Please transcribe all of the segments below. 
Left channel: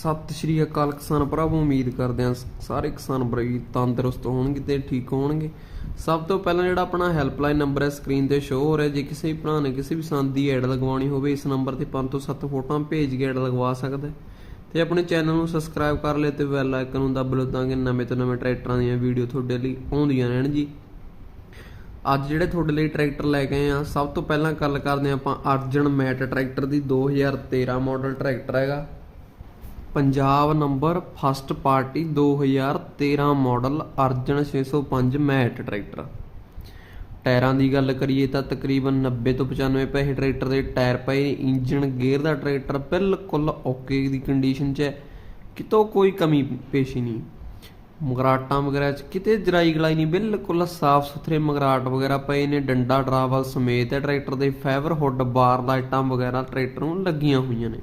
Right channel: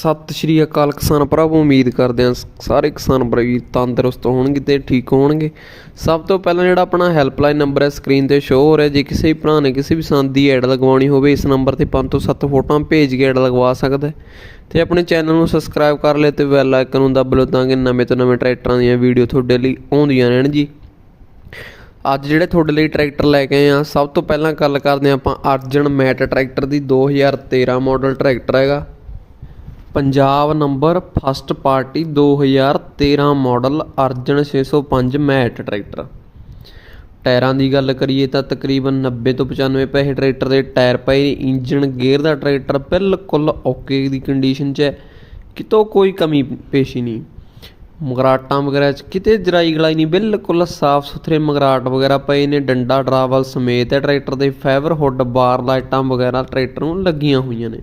ਸਤਿ ਸ਼੍ਰੀ ਅਕਾਲ ਕਿਸਾਨ ਭਰਾਵੋ, ਉਮੀਦ ਕਰਦੇ ਹਾਂ ਸਾਰੇ ਕਿਸਾਨ ਭਰਾ ਵੀ ਤੰਦਰੁਸਤ ਹੋਣਗੇ ਤੇ ਠੀਕ ਹੋਣਗੇ। ਸਭ ਤੋਂ ਪਹਿਲਾਂ ਜਿਹੜਾ ਆਪਣਾ ਹੈਲਪਲਾਈਨ ਨੰਬਰ ਹੈ, ਸਕਰੀਨ ਤੇ ਸ਼ੋ ਹੋ ਰਿਹਾ। ਜੇ ਕਿਸੇ ਵੀ ਭਰਾ ਨੇ ਕਿਸੇ ਵੀ ਸੰਦ ਦੀ ਐਡ ਲਗਵਾਉਣੀ ਹੋਵੇ, ਇਸ ਨੰਬਰ ਤੇ 5 ਤੋਂ 7 ਫੋਟੋਆਂ ਭੇਜ ਕੇ ਐਡ ਲਗਵਾ ਸਕਦਾ ਹੈ। ਤੇ ਆਪਣੇ ਚੈਨਲ ਨੂੰ ਸਬਸਕ੍ਰਾਈਬ ਕਰ ਲਿਓ ਤੇ ਬੈਲ ਆਈਕਨ ਨੂੰ ਦੱਬ ਲਓ ਤਾਂ ਕਿ ਨਵੇਂ ਤੋਂ ਨਵੇਂ ਟਰੈਕਟਰਾਂ ਦੀਆਂ ਵੀਡੀਓ ਤੁਹਾਡੇ ਲਈ ਆਉਂਦੀਆਂ ਰਹਿਣ ਜੀ। ਅੱਜ ਜਿਹੜੇ ਤੁਹਾਡੇ ਲਈ ਟਰੈਕਟਰ ਲੈ ਕੇ ਆਏ ਆ ਸਭ ਤੋਂ ਪਹਿਲਾਂ ਗੱਲ ਕਰਦੇ ਹਾਂ ਆਪਾਂ ਅਰਜਨ ਮੈਟ ਟਰੈਕਟਰ ਦੀ 2013 ਮਾਡਲ ਟਰੈਕਟਰ ਹੈਗਾ। Punjab number first party 2013 model Arjun 605 ਮੈਟ ਟਰੈਕਟਰ। ਟਾਇਰਾਂ ਦੀ ਗੱਲ ਕਰੀਏ ਤਾਂ ਤਕਰੀਬਨ 90 ਤੋਂ 95 ਪੈਸੇ ਟਰੈਕਟਰ ਦੇ ਟਾਇਰ ਪਏ ਨੇ। ਇੰਜਨ ਗੇਅਰ ਦਾ ਟਰੈਕਟਰ ਬਿਲਕੁਲ ਓਕੇ ਦੀ ਕੰਡੀਸ਼ਨ 'ਚ ਹੈ। ਕਿਤੋਂ ਕੋਈ ਕਮੀ ਪੇਸ਼ੀ ਨਹੀਂ। ਮਗਰਾਟਾਂ ਵਗੈਰਾ 'ਚ ਕਿਤੇ ਜਰਾਈ ਗਲਾਈ ਨਹੀਂ। ਬਿਲਕੁਲ ਸਾਫ਼ ਸੁਥਰੇ ਮਗਰਾਟ ਵਗੈਰਾ ਪਏ ਨੇ। ਡੰਡਾ, ਡਰਾਵਲ ਸਮੇਤ ਹੈ ਟਰੈਕਟਰ ਦੇ। ਫਾਈਬਰ ਹੁੱਡ ਬਾਰ ਲਾਈਟਾਂ ਵਗੈਰਾ ਟਰੈਕਟਰ ਨੂੰ ਲੱਗੀਆਂ ਹੋਈਆਂ ਨੇ।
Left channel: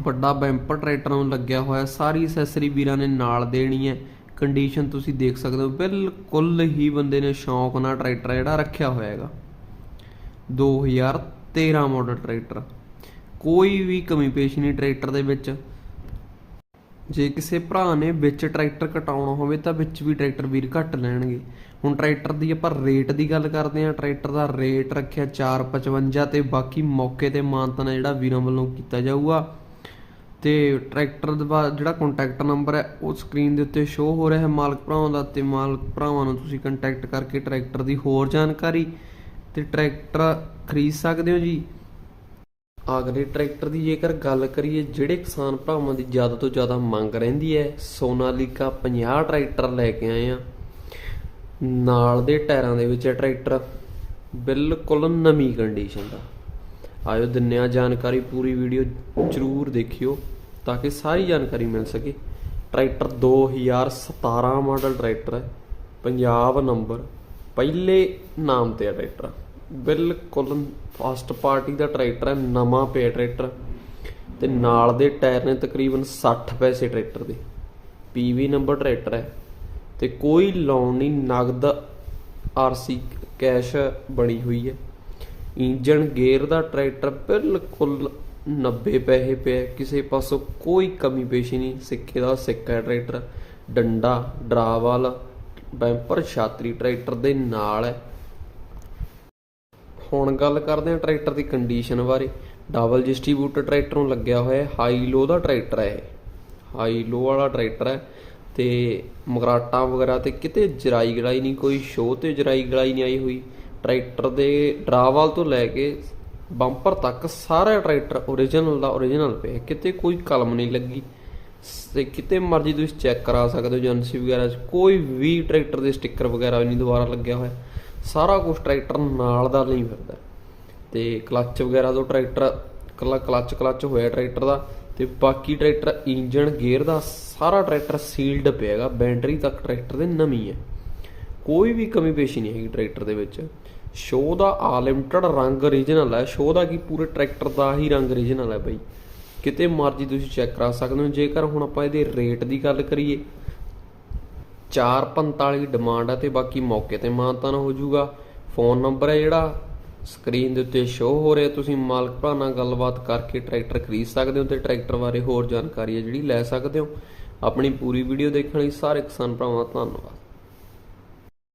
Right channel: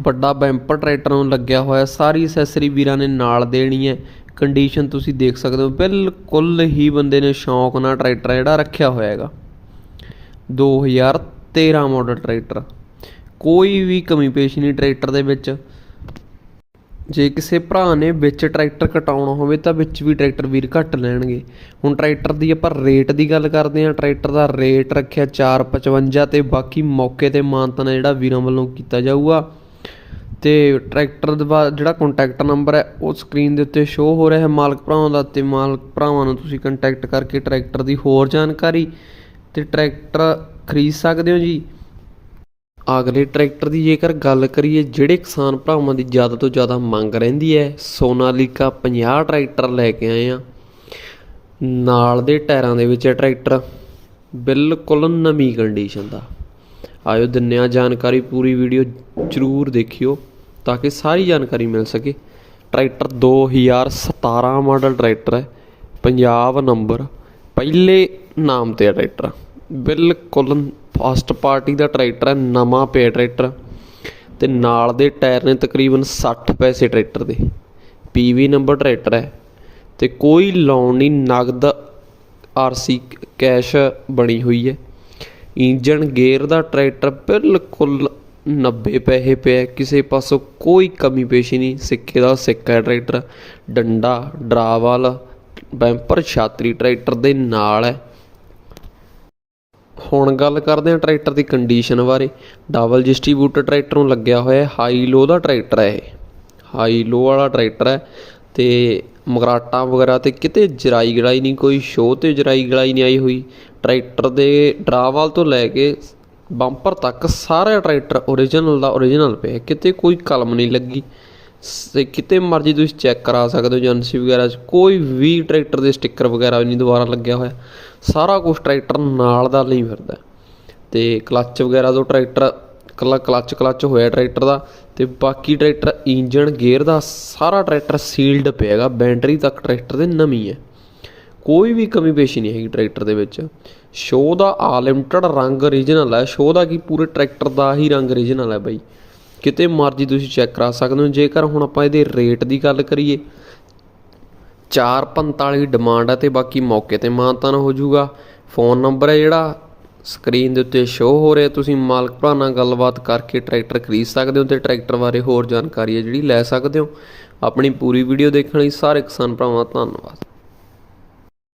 ਵੱਡਾ ਬੈਂਪਰ ਟਰੈਕਟਰ ਨੂੰ ਲੱਗਿਆ ਹੋਇਆ, ਸਾਰੀ ਅਸੈਸਰੀ ਵੀਰਾਂ ਨੇ ਨਾਲ ਦੇਣੀ ਹੈ। ਕੰਡੀਸ਼ਨ ਤੁਸੀਂ ਦੇਖ ਸਕਦੇ ਹੋ, ਬਿਲਕੁਲ ਹੀ ਬੰਦੇ ਨੇ ਸ਼ੌਂਕ ਨਾਲ ਟਰੈਕਟਰ ਜਿਹੜਾ ਰੱਖਿਆ ਹੋਇਆ ਹੈਗਾ 2013 ਮਾਡਲ ਟਰੈਕਟਰ। ਕੋਈ ਵੀ ਕਮੀ ਪੇਸ਼ ਨਹੀਂ ਟਰੈਕਟਰ ਦੇ ਵਿੱਚ। ਜੇ ਕਿਸੇ ਭਰਾ ਨੇ ਵਿੱਚ ਟਰੈਕਟਰ ਕਟਾਉਣਾ ਹੋਵੇ ਤਾਂ ਵਿੱਚ ਵੀ ਟਰੈਕਟਰ ਵੀਰ ਘੱਟ ਲੈਣਗੇ। ਹੁਣ ਟਰੈਕਟਰ ਦੀ ਆਪਾਂ ਰੇਟ ਦੀ ਗੱਲ ਕਰਦੇ ਹਾਂ। ਟਰੈਕਟਰ ਦਾ ਰੇਟ ਰੱਖਿਆ 455 ਤੇ ਬਾਕੀ ਮੌਕੇ ਤੇ ਮਾਨਤਨ ਜਿਹੜਾ ਵੀਰਾਂ ਵੱਲੋਂ ਕੀਤਾ ਜਾਊਗਾ। ਤੇ ਟਰੈਕਟਰ ਦਾ ਜਿਹੜਾ ਕੰਟੈਕਟ ਨੰਬਰ ਹੈ, ਉਹ ਸਕਰੀਨ ਦੇ ਉੱਤੇ ਸ਼ੋ ਹੋ ਰਿਹਾ ਹੈ। ਮਾਲਕ ਭਰਾਵਾਂ ਦਾ ਤੇ ਮਾਲਕ ਭਰਾਵਾਂ ਨੂੰ ਤੁਸੀਂ ਕੰਟੈਕਟ ਕਰਕੇ ਟਰੈਕਟਰ ਦੀ ਹੋਰ ਜਾਣਕਾਰੀ ਤੇ ਟਰੈਕਟਰ ਖਰੀਦ ਸਕਦੇ ਹੋ ਜੀ। ਅਗਲੇ ਟਰੈਕਟਰ ਦੀ ਜੇਕਰ ਗੱਲ ਕਰੀਏ, ਜਿਹੜੇ ਕਿਸਾਨ ਭਰਾਵਾਂ ਦੀ ਜ਼ਿਆਦਾ ਤੋਂ ਜ਼ਿਆਦਾ ਮੰਗ ਰਹਿੰਦੀ ਹੈ, ਸੋਨਾਲੀਕਾ 50 ਟਰੈਕਟਰ ਲੈ ਕੇ ਆਏ ਆ। ਨਾਲ ਦੇ ਟਾਇਰਾਂ ਦੇ ਵਿੱਚ ਹੈ ਟਰੈਕਟਰ ਬਿਲਕੁਲ ਨਵੀਂ ਕੰਡੀਸ਼ਨ ਦਾ। ਆਇਓ ਦਿੰਨੇ ਆ ਜਾਣਕਾਰੀ, ਪੂਰੀ ਵੀਡੀਓ ਜ਼ਰੂਰ ਦੇਖਿਓ ਤਾਂ ਕਿ ਸਾਰੀ ਜਾਣਕਾਰੀ ਮਿਲ ਸਕੇ। ਟਰੈਕਟਰ 2017 ਮਾਡਲ ਟਰੈਕਟਰ ਹੈ ਪੰਜਾਬ ਨੰਬਰ, ਪਹਿਲੇ ਨਾਮ ਤੇ ਹੈ ਟਰੈਕਟਰ। ਬਿਲਕੁਲ ਫਸਟ ਪਾਰਟੀ ਦਾ ਟਰੈਕਟਰ ਹੈ, ਨਵਾਂ ਪਿਆ ਟਰੈਕਟਰ। ਤੇ ਨਾਲ ਦੇ ਟਾਇਰ ਨੇ ਤਕਰੀਬਨ 60 ਪੈਸੇ ਟਰੈਕਟਰ ਦੇ। ਪੀਵੀ ਨੰਬਰ ਟਰੈਕਟਰ ਹੈ। ਤੇ ਕੋਈ ਲੋਨ ਨਹੀਂ, ਨਗਦ ਆਰਸੀ ਕੈਸ਼ ਬਣੀ ਹੋਈ ਹੈ। ਇੰਜਨ ਗੇਅਰ ਦਾ ਟਰੈਕਟਰ ਬਿਲਕੁਲ 90 ਪੈਸੇ ਪਿਆ ਕਿਸੇ ਪਾਸੋਂ ਕੋਈ ਕਮੀ ਪੇਸ਼ੀ ਨਹੀਂ ਸਿੱਕੇ ਦਾ ਸਿੱਕਾ ਟਰੈਕਟਰ। ਡੰਡਾ ਡਰਾਵਾਲ ਬੈਂਪਰ, ਛਾਤਰੀ ਟਰੈਕਟਰ ਦੇ ਨਾਲ ਹੈ। ਹੁਣ ਗੱਲ ਕਰਦੇ ਹਾਂ ਟਰੈਕਟਰ ਦੀ ਕੰਡੀਸ਼ਨ ਬਾਰੇ। ਡਬਲ ਡਿਸਟ੍ਰੀਬਿਊਟਰ ਟਰੈਕਟਰ ਨੂੰ ਲੱਗਿਆ ਹੋਇਆ ਹੈ। ਹਾਈ ਲੋ ਦਾ ਟਰੈਕਟਰ ਹੈ ਇਹ। ਹਾਈ ਲੋ ਵਾਲਾ ਟਰੈਕਟਰ ਹੈ ਤੇ ਮਗਰਾਟਾਂ ਵਗੈਰਾ ਤੇ ਕਿਤੇ ਜਰਾਈ ਗੜਾਈ ਨਹੀਂ, ਕੋਈ ਸ਼ੋਅ ਤੇ ਜਰਾਈ ਗੜਾਈ ਨਹੀਂ ਆਈ ਹੋਈ। ਟਰੈਕਟਰ ਦੇ ਡਰਾਵਾਲ ਤੋਂ ਲੈ ਕੇ ਬੰਪਰ ਤੱਕ ਸਾਰਾ ਟਰੈਕਟਰ ਓਰੀਜਨਲ ਦਾ ਓਰੀਜਨਲ ਪਿਆ ਕਿਤੇ ਕੋਈ ਕਲਮ ਨਹੀਂ ਲੱਗੀ। ਤੇ ਕਿਤੇ ਮਰਜ਼ੀ ਤੁਸੀਂ ਚੈੱਕ ਕਰਾ ਸਕਦੇ ਹੋ ਏਜੰਸੀ ਵਗੈਰਾ 'ਚ, ਕੋਈ ਵੀ ਟਰੈਕਟਰ ਦੇ ਸਟicker ਵਗੈਰਾ ਨਹੀਂ ਦੁਬਾਰਾ ਲੱਗਿਆ ਹੋਇਆ। ਸਾਰਾ ਕੁਝ ਟਰੈਕਟਰ ਨਾਲ ਦਾ ਨਹੀਂ ਫਿਰਦਾ ਤੇ ਕਲੱਚ ਵਗੈਰਾ ਤੋਂ ਟਰੈਕਟਰ ਕੱਲਾ ਕਲੱਚ ਕਲੱਚ ਹੋਇਆ ਟਰੈਕਟਰ ਦਾ, ਤੇ ਬਾਕੀ ਟਰੈਕਟਰ ਇੰਜਨ ਗੇਅਰ ਦਾ ਸਾਰਾ ਟਰੈਕਟਰ ਸੀਲਡ ਪਿਆ ਹੈਗਾ ਬੈਟਰੀ ਤੱਕ ਟਰੈਕਟਰ ਦੇ ਨਵੀਂ ਹੈ। ਕੋਈ ਵੀ ਕਮੀ ਪੇਸ਼ੀ ਨਹੀਂ ਹੈਗੀ ਟਰੈਕਟਰ ਦੇ ਵਿੱਚ। ਸ਼ੋਅ ਦਾ ਆਲਿਮਟਡ ਰੰਗ ਰੀਜਨਲ ਹੈ। ਸ਼ੋਅ ਦਾ ਕੀ ਪੂਰੇ ਟਰੈਕਟਰ ਦਾ ਹੀ ਰੰਗ ਰੀਜਨਲ ਹੈ ਬਾਈ। ਕਿਤੇ ਮਰਜ਼ੀ ਤੁਸੀਂ ਚੈੱਕ ਕਰਾ ਸਕਦੇ ਹੋ। ਜੇਕਰ ਹੁਣ ਆਪਾਂ ਇਹਦੇ ਰੇਟ ਦੀ ਗੱਲ ਕਰੀਏ 445 ਡਿਮਾਂਡ ਹੈ ਤੇ ਬਾਕੀ ਮੌਕੇ ਤੇ ਮਾਨਤਾਨ ਹੋ ਜਾਊਗਾ। ਫੋਨ ਨੰਬਰ ਹੈ ਜਿਹੜਾ ਸਕਰੀਨ ਦੇ ਉੱਤੇ ਸ਼ੋ ਹੋ ਰਿਹਾ। ਤੁਸੀਂ ਮਾਲਕ ਭਰਾ ਨਾਲ ਗੱਲਬਾਤ ਕਰਕੇ ਟਰੈਕਟਰ ਖਰੀਦ ਸਕਦੇ ਹੋ ਤੇ ਟਰੈਕਟਰ ਬਾਰੇ ਹੋਰ ਜਾਣਕਾਰੀ ਹੈ ਜਿਹੜੀ ਲੈ ਸਕਦੇ ਹੋ। ਆਪਣੀ ਪੂਰੀ ਵੀਡੀਓ ਦੇਖਣ ਲਈ ਸਾਰੇ ਕਿਸਾਨ ਭਰਾਵਾਂ ਦਾ ਧੰਨਵਾਦ।